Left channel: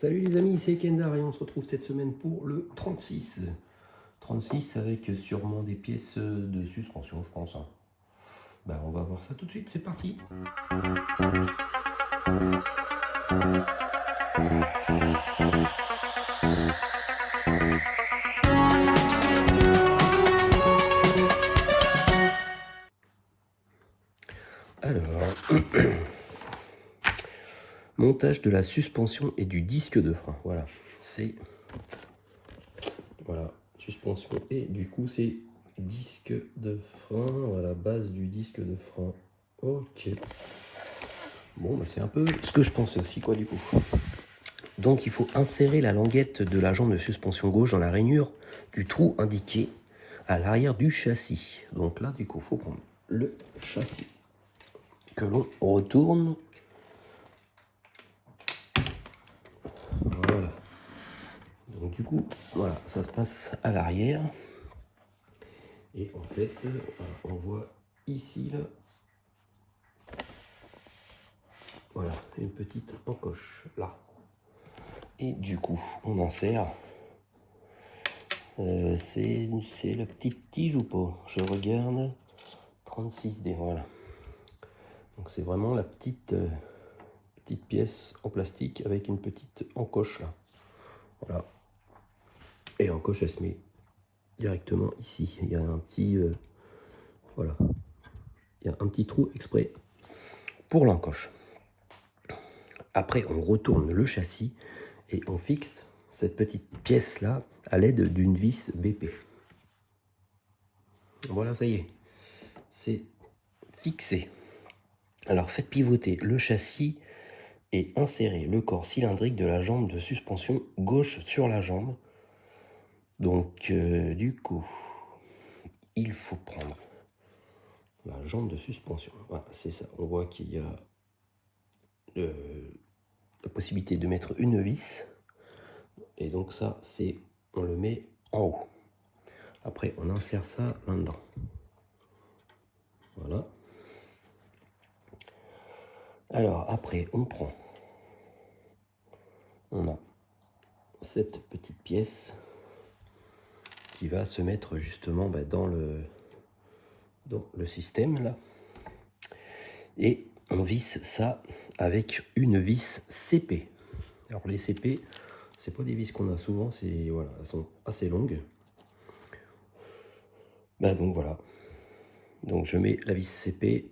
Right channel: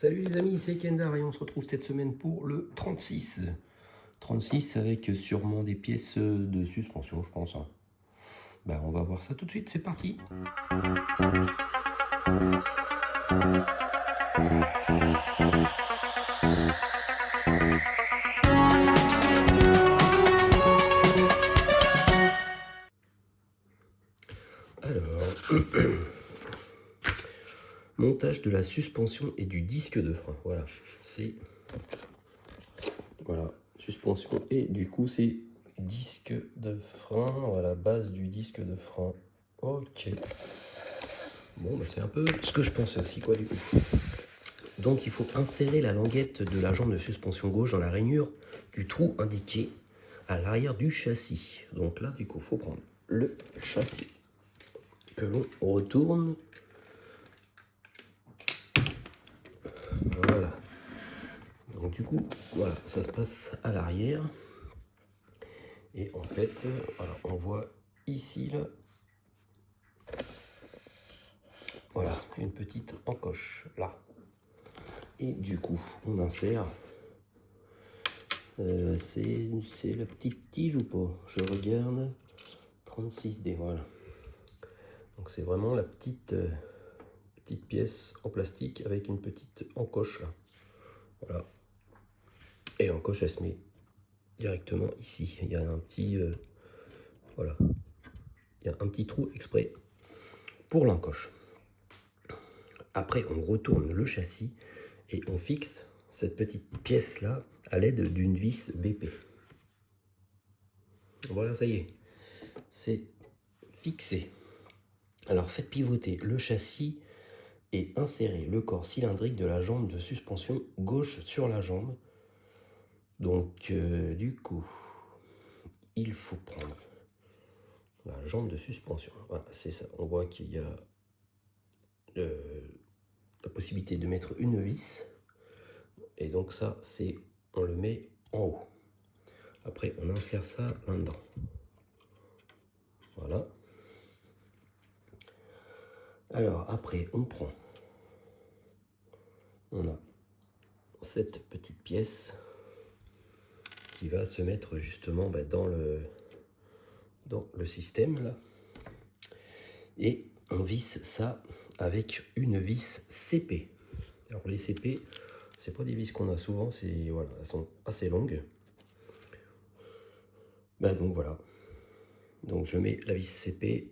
Salut les amis, c'est Kendar et on se retrouve cette semaine pour le 36. 36 avec sûrement des pièces de suspension, je pense. Bah, on va voir ça tout de suite, c'est parti. Alors, montage de la suspension et du disque de frein. Voilà, c'est suspension et du coup c'est disque de frein. Voilà, base du disque de frein. Ok. Bon, bah, c'est un peu ce que je pensais aussi, quoi, du coup. Donc, il faut insérer la languette de la jambe de suspension gauche dans la rainure du trou indiqué à l'arrière du châssis. Donc là, du coup, il faut prendre le châssis que l'on retourne. Voilà. Donc, du coup, voilà, ça se passe à l'arrière. Et en fait, voilà, on voit ici, là, voilà, une petite encoche, là. Et du coup, on insère. C'est la petite tige ou pas? Je regarde. 36D, voilà. Donc c'est vraiment la petite pièce en plastique avec une petite encoche là. Voilà. Et l'encoche elle se met directement ici. Il y a un petit voilà. Il y a un petit trou exprès pour l'encoche. Après on retourne le châssis et on fixe cette petite pièce là à l'aide d'une vis BP. Voilà, ça y est. C'est fixé. Alors faites pivoter le châssis et insérez le corps cylindrique de la jambe de suspension gauche sur la jambe. Donc du coup, il faut prendre la jambe de suspension. Voilà, c'est ça. On voit qu'il y a la possibilité de mettre une vis. Et donc ça, c'est on le met en haut. Après, on insère ça là-dedans. Voilà. Alors après, on a cette petite pièce qui va se mettre justement dans le système là. Et on visse ça avec une vis CP. Alors les CP, c'est pas des vis qu'on a souvent, c'est voilà, elles sont assez longues. Ben donc voilà. Donc je mets la vis CP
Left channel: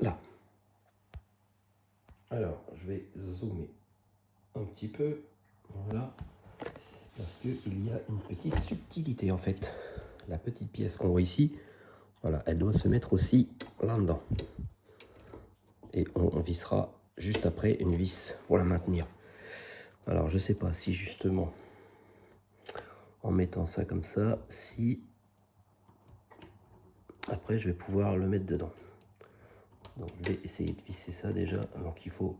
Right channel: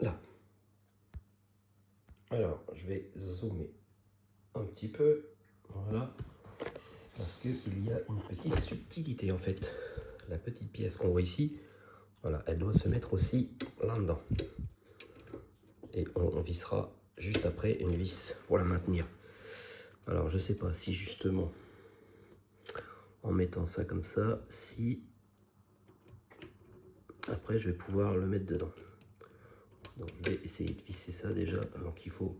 là. Alors je vais zoomer un petit peu, voilà, parce que il y a une petite subtilité en fait. La petite pièce qu'on voit ici, voilà, elle doit se mettre aussi là-dedans. Et on vissera juste après une vis pour la maintenir. Alors je sais pas si justement en mettant ça comme ça, si après je vais pouvoir le mettre dedans. Donc je vais essayer de visser ça déjà. Donc il faut,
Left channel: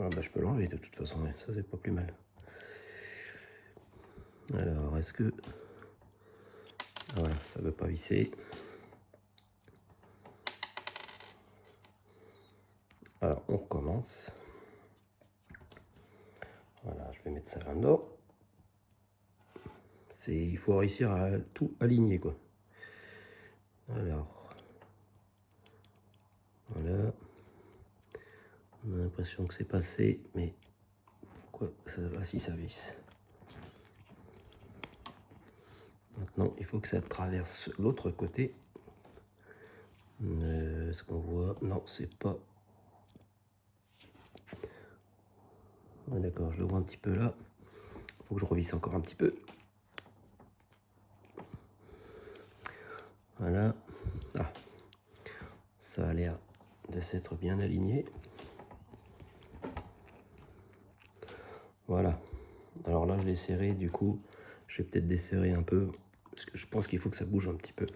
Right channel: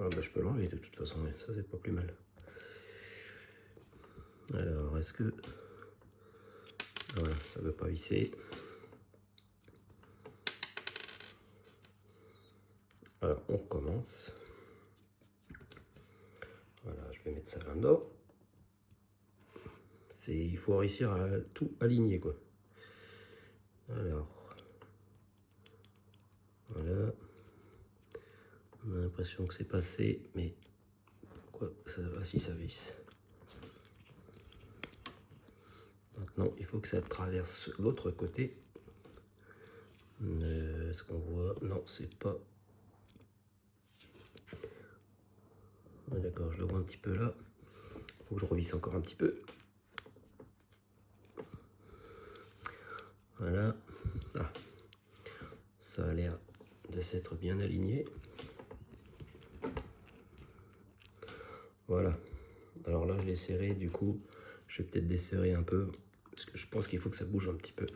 ah bah, je peux l'enlever de toute façon, mais ça c'est pas plus mal. Alors est-ce que, ah, voilà, ça veut pas visser. Alors on recommence. Voilà, je vais mettre ça là-dedans. Il faut réussir à tout aligner quoi. Alors voilà, on a l'impression que c'est passé, mais pourquoi ça va si ça visse? Maintenant il faut que ça traverse l'autre côté. Ce qu'on voit, non c'est pas. D'accord, je le vois un petit peu là. Il faut que je revisse encore un petit peu. Voilà. Ah, ça a l'air de s'être bien aligné. Voilà. Alors là, je l'ai serré. Du coup, je vais peut-être desserrer un peu. Parce que je pense qu'il faut que ça bouge un petit peu.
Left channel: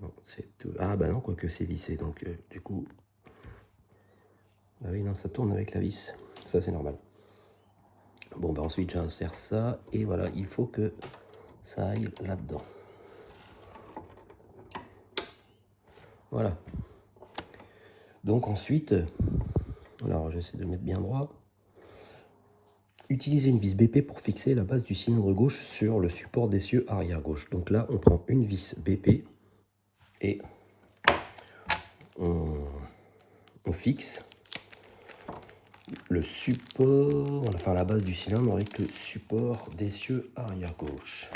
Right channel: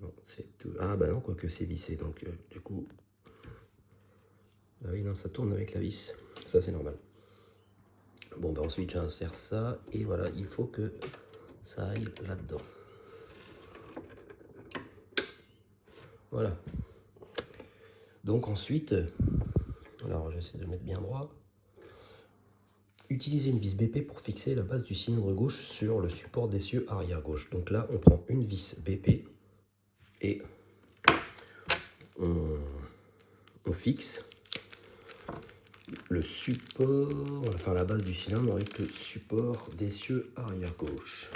Non, tout... Ah bah non, quoique c'est lissé. Donc du coup... Ah oui, non, ça tourne avec la vis. Ça, c'est normal. Bon, bah ensuite, j'insère ça. Et voilà, il faut que ça aille là-dedans. Voilà. Donc ensuite, alors j'essaie de mettre bien droit. Utilisez une vis BP pour fixer la base du cylindre gauche sur le support d'essieu arrière gauche. Donc là, on prend une vis BP et on fixe le support, enfin la base du cylindre avec le support d'essieu arrière gauche.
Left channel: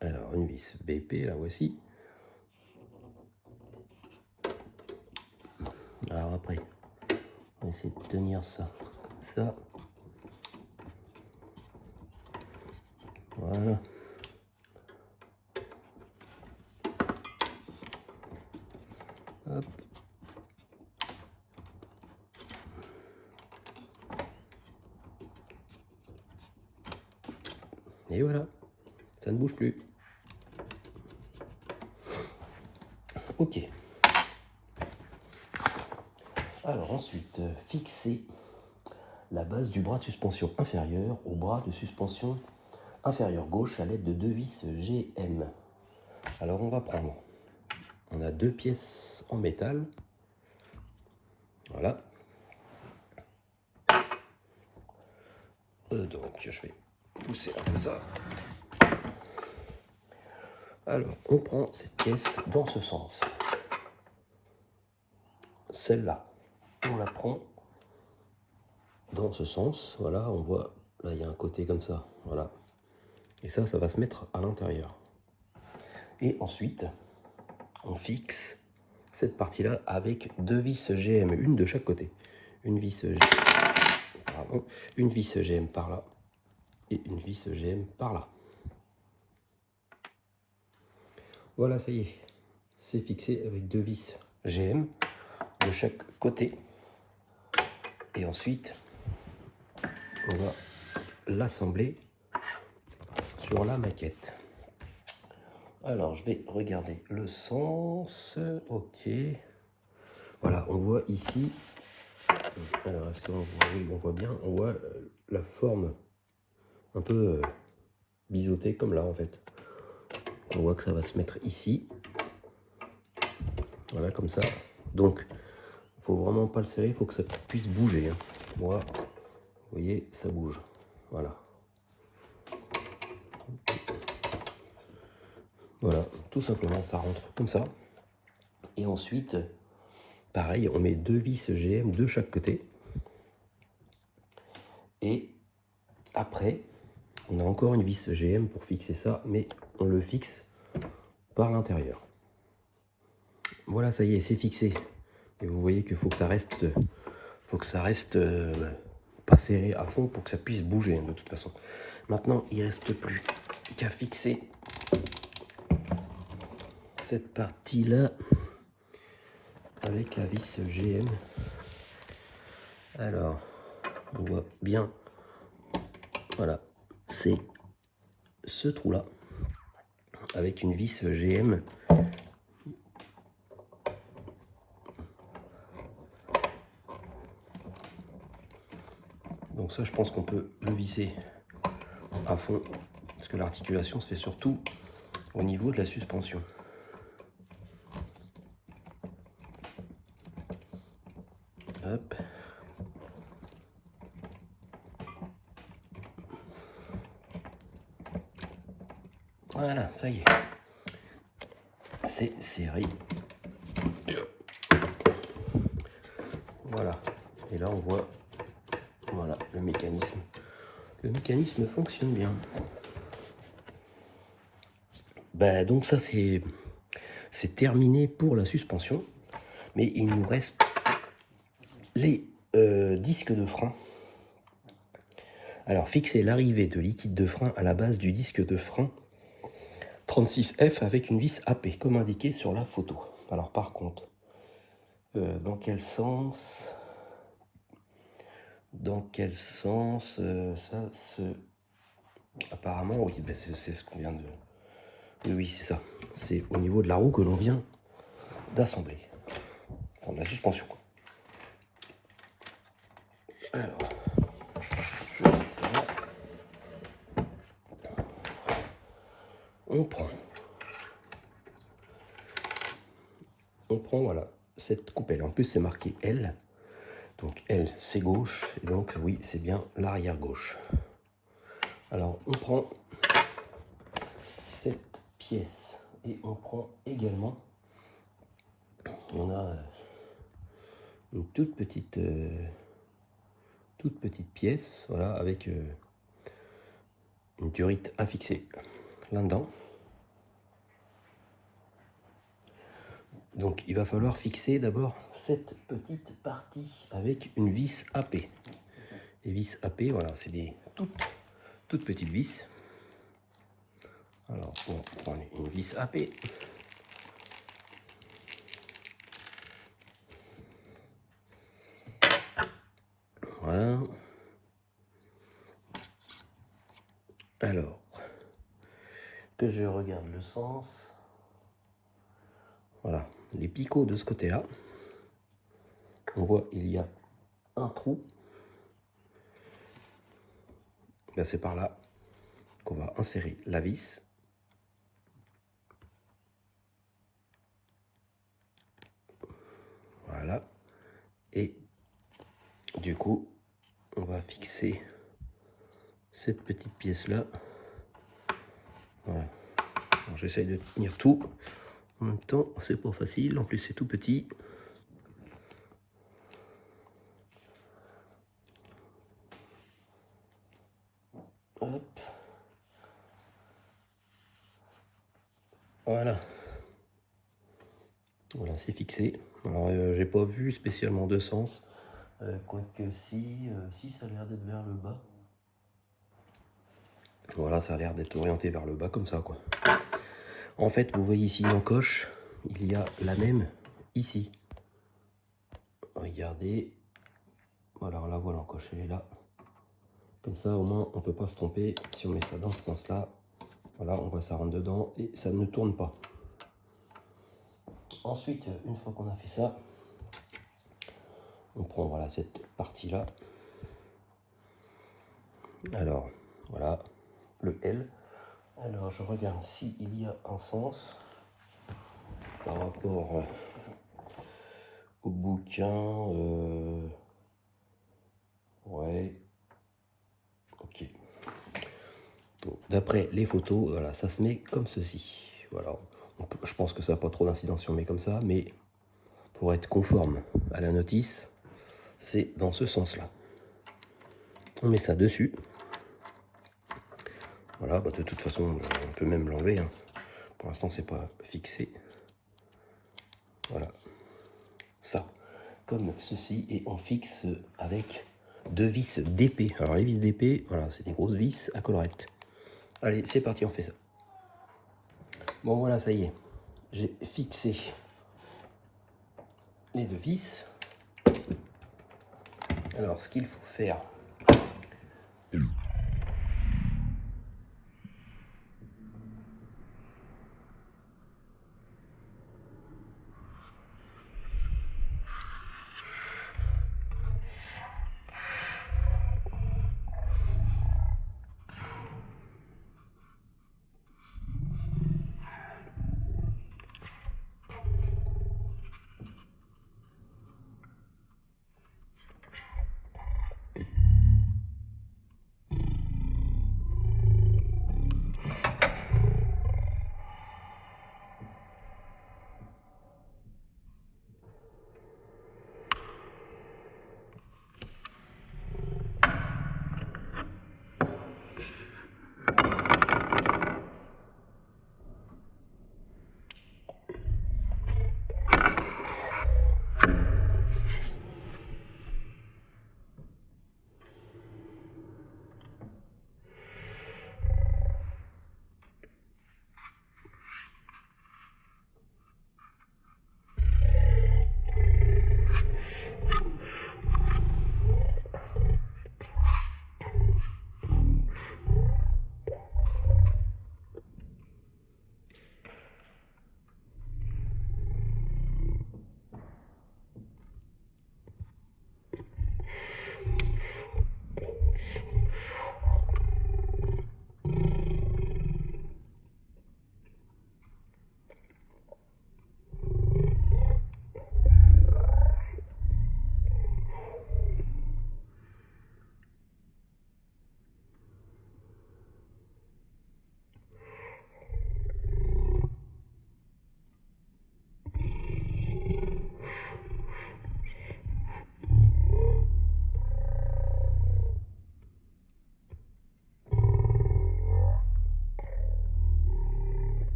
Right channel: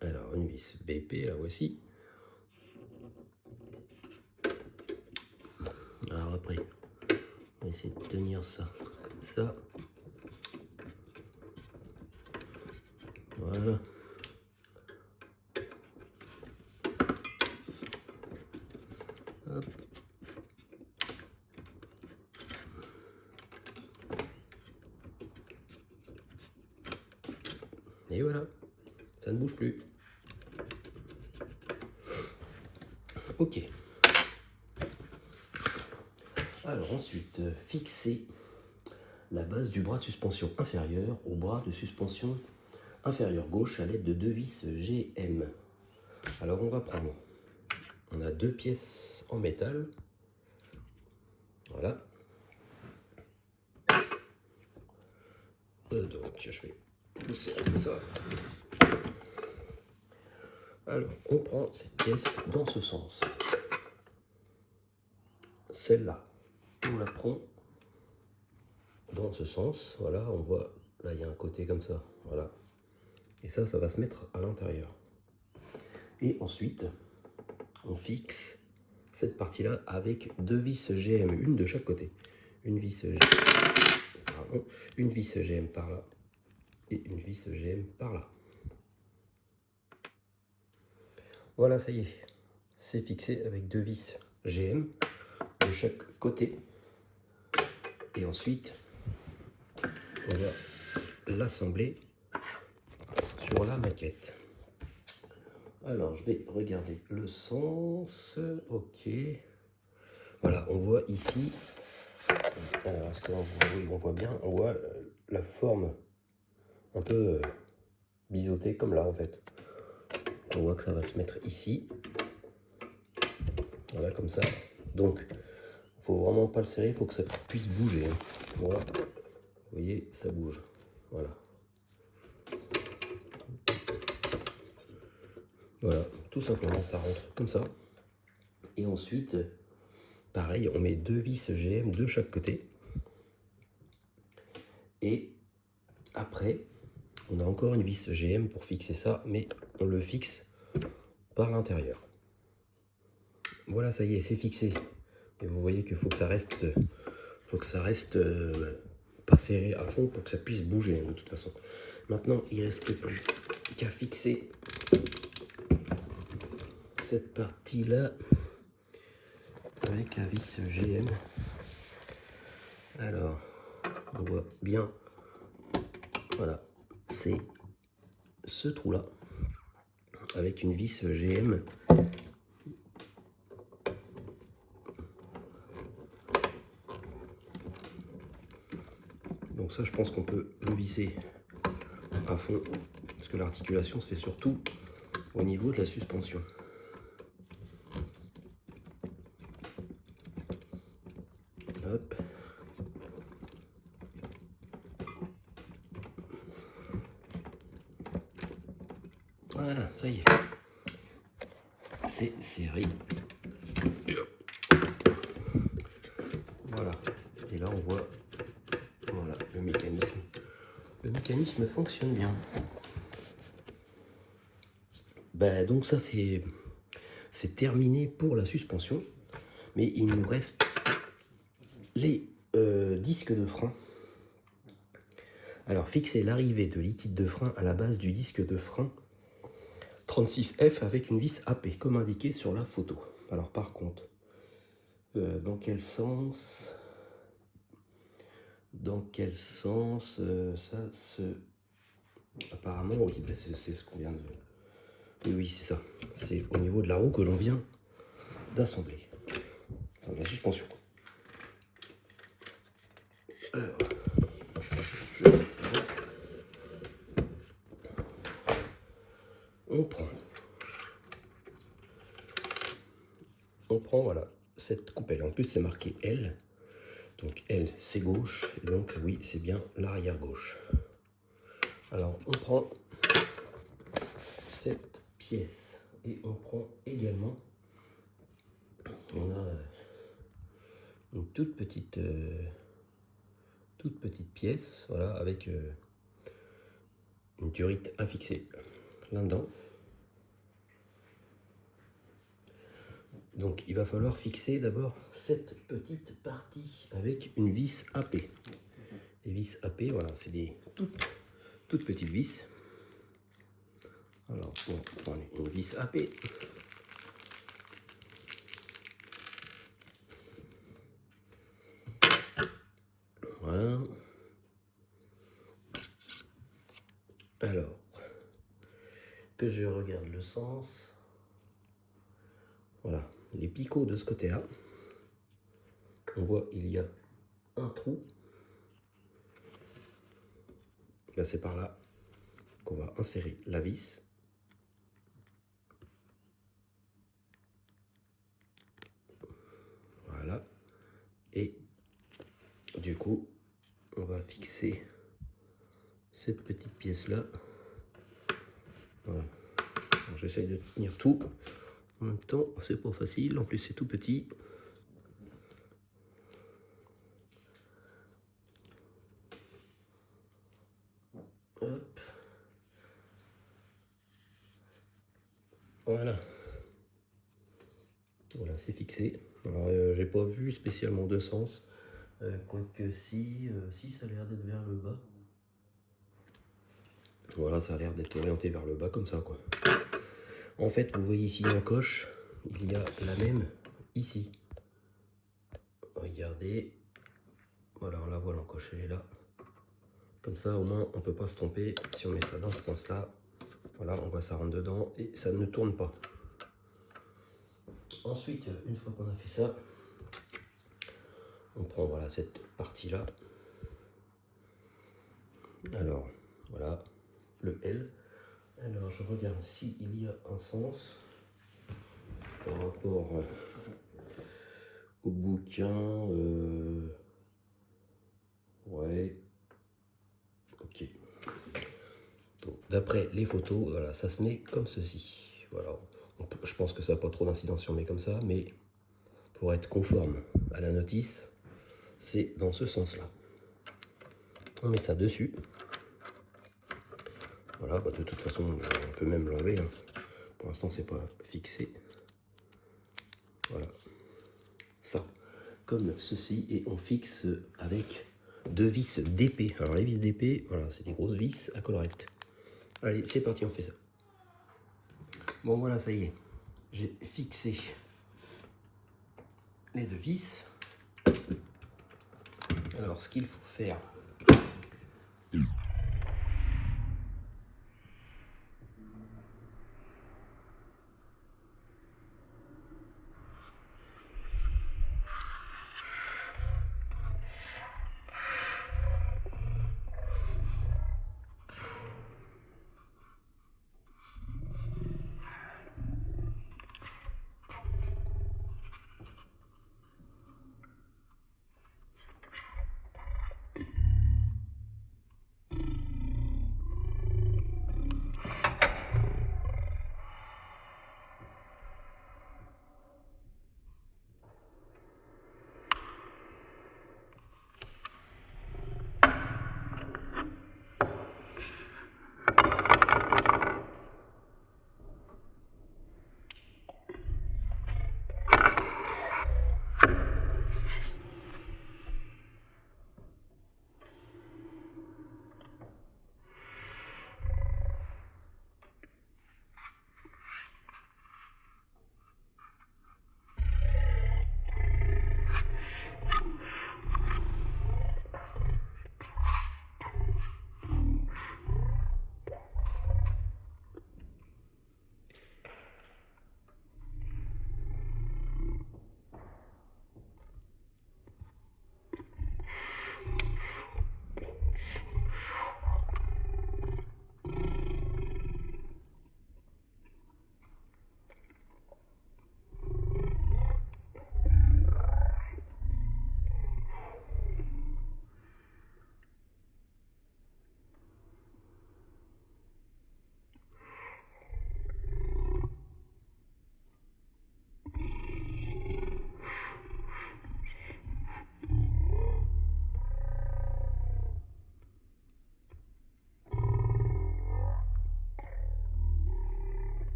Alors une vis BP, la voici. Alors après, on va essayer de tenir ça, ça. Voilà. Hop. Et voilà, ça ne bouge plus. Ok. Alors ensuite, fixer la base du bras de suspension inférieur au bras de suspension inférieur gauche à l'aide de deux vis GM. Alors on va prendre, on a deux pièces en métal. Voilà. Donc je vais pousser comme ça. Alors on prend cette pièce dans ce sens. Celle-là, on la prend dans ce sens. Voilà, on voit, là il y a un côté comme ça. Voilà. Et ça va se mettre à l'intérieur. Et ensuite, on fixe cette partie-là avec deux vis GM, une de chaque côté. Une vis GM par là et une vis GM par là. Voilà, ça y est, c'est fixé avec deux vis GM de chaque côté. Et ensuite, on va l'assembler sur la maquette. Alors, je vais regarder le sens. Ok. Voilà, on voit ici. Alors, est-ce qu'on voit? Oui, on voit bien. On voit la forme un peu biseautée, comme là, en fait. On voit que ça va se mettre ici. Voilà, comme ça. Donc, il faut vraiment pas le serrer. Il faut que ça puisse bouger. Voilà. Vous voyez, ça bouge. Voilà. Voilà, tout simplement, ça rentre comme ça. Et ensuite, pareil, on met deux vis GM de chaque côté. Et après, on a encore une vis GM pour fixer ça, mais on le fixe par l'intérieur. Voilà, ça y est, c'est fixé. Et vous voyez qu'il faut que ça reste, pas serré à fond pour que ça puisse bouger de toute façon. Maintenant, il ne reste plus qu'à fixer cette partie-là avec la vis GM. Alors, on voit bien, voilà, c'est ce trou-là avec une vis GM. Donc ça, je pense qu'on peut le visser à fond, parce que l'articulation se fait surtout au niveau de la suspension. Hop. Voilà, ça y est. C'est serré. Voilà. Et là, on voit, voilà, le mécanisme. Le mécanisme fonctionne bien. Ben, donc ça, c'est terminé pour la suspension. Mais il nous reste les disques de frein. Alors, fixer l'arrivée de liquide de frein à la base du disque de frein 36F avec une vis AP, comme indiqué sur la photo. Alors, par contre, dans quel sens ça se... Apparemment, oui, ben c'est ce qu'on vient de... Oui, c'est ça. C'est au niveau de la roue que l'on vient d'assembler. Enfin, de la suspension. Alors, on prend voilà cette coupelle. En plus, c'est marqué L. Donc elle, c'est gauche, et donc oui, c'est bien l'arrière gauche. Alors on prend cette pièce et on prend également, on a une toute petite pièce, voilà, avec une durite à fixer là-dedans. Donc il va falloir fixer d'abord cette petite partie avec une vis AP. Les vis AP, voilà, c'est des toutes petites vis. Alors on va prendre une vis AP. Voilà. Alors, que je regarde le sens. Voilà, les picots de ce côté-là. On voit il y a un trou. Là, c'est par là qu'on va insérer la vis. Voilà. Et du coup, on va fixer cette petite pièce-là. Voilà. J'essaye de tenir tout. En même temps, c'est pas facile. En plus, c'est tout petit. Hop. Voilà. Voilà, c'est fixé. Alors, j'ai pas vu spécialement de sens. Quoique si ça a l'air d'être vers le bas. Voilà, ça a l'air d'être orienté vers le bas comme ça, quoi. En fait, vous voyez ici l'encoche, il y a la même ici. Regardez. Voilà, la voit l'encoche, elle est là. Comme ça, au moins, on peut pas se tromper. Si on met ça dans ce sens-là, voilà, on voit ça rentre dedans et ça ne tourne pas. Ensuite, une fois qu'on a fait ça, on prend voilà cette partie-là. Alors, voilà, le L. Alors, je regarde s'il y a un sens par rapport au bouquin. Ouais, ok. D'après les photos, voilà, ça se met comme ceci. Voilà, je pense que ça n'a pas trop d'incidence si on met comme ça, mais pour être conforme à la notice, c'est dans ce sens-là. On met ça dessus. Voilà, bah de toute façon, on peut même l'enlever. Hein. Pour l'instant, c'est pas fixé. Voilà, ça, comme ceci, et on fixe avec deux vis d'épée. Alors les vis d'épée, voilà, c'est des grosses vis à collerette. Allez, c'est parti, on fait ça. Bon voilà, ça y est, j'ai fixé les deux vis. Alors ce qu'il faut faire,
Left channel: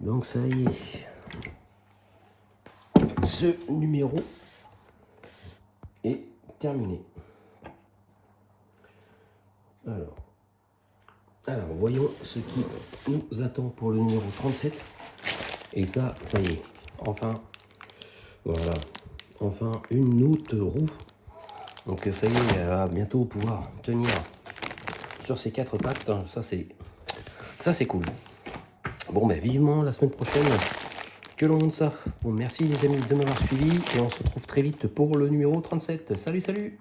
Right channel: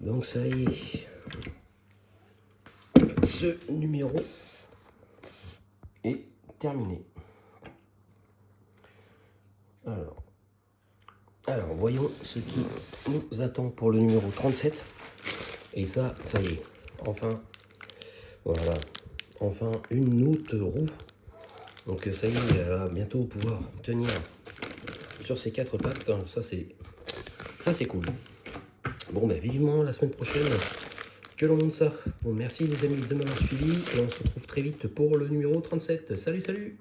Donc ça y est, ce numéro est terminé. Alors voyons ce qui nous attend pour le numéro 37. Et ça y est, enfin, voilà, enfin une autre roue. Donc ça y est, il va bientôt pouvoir tenir sur ces 4 pattes. Ça c'est cool. Bon ben vivement la semaine prochaine que l'on monte ça. Bon, merci les amis de m'avoir suivi et on se retrouve très vite pour le numéro 37. Salut, salut!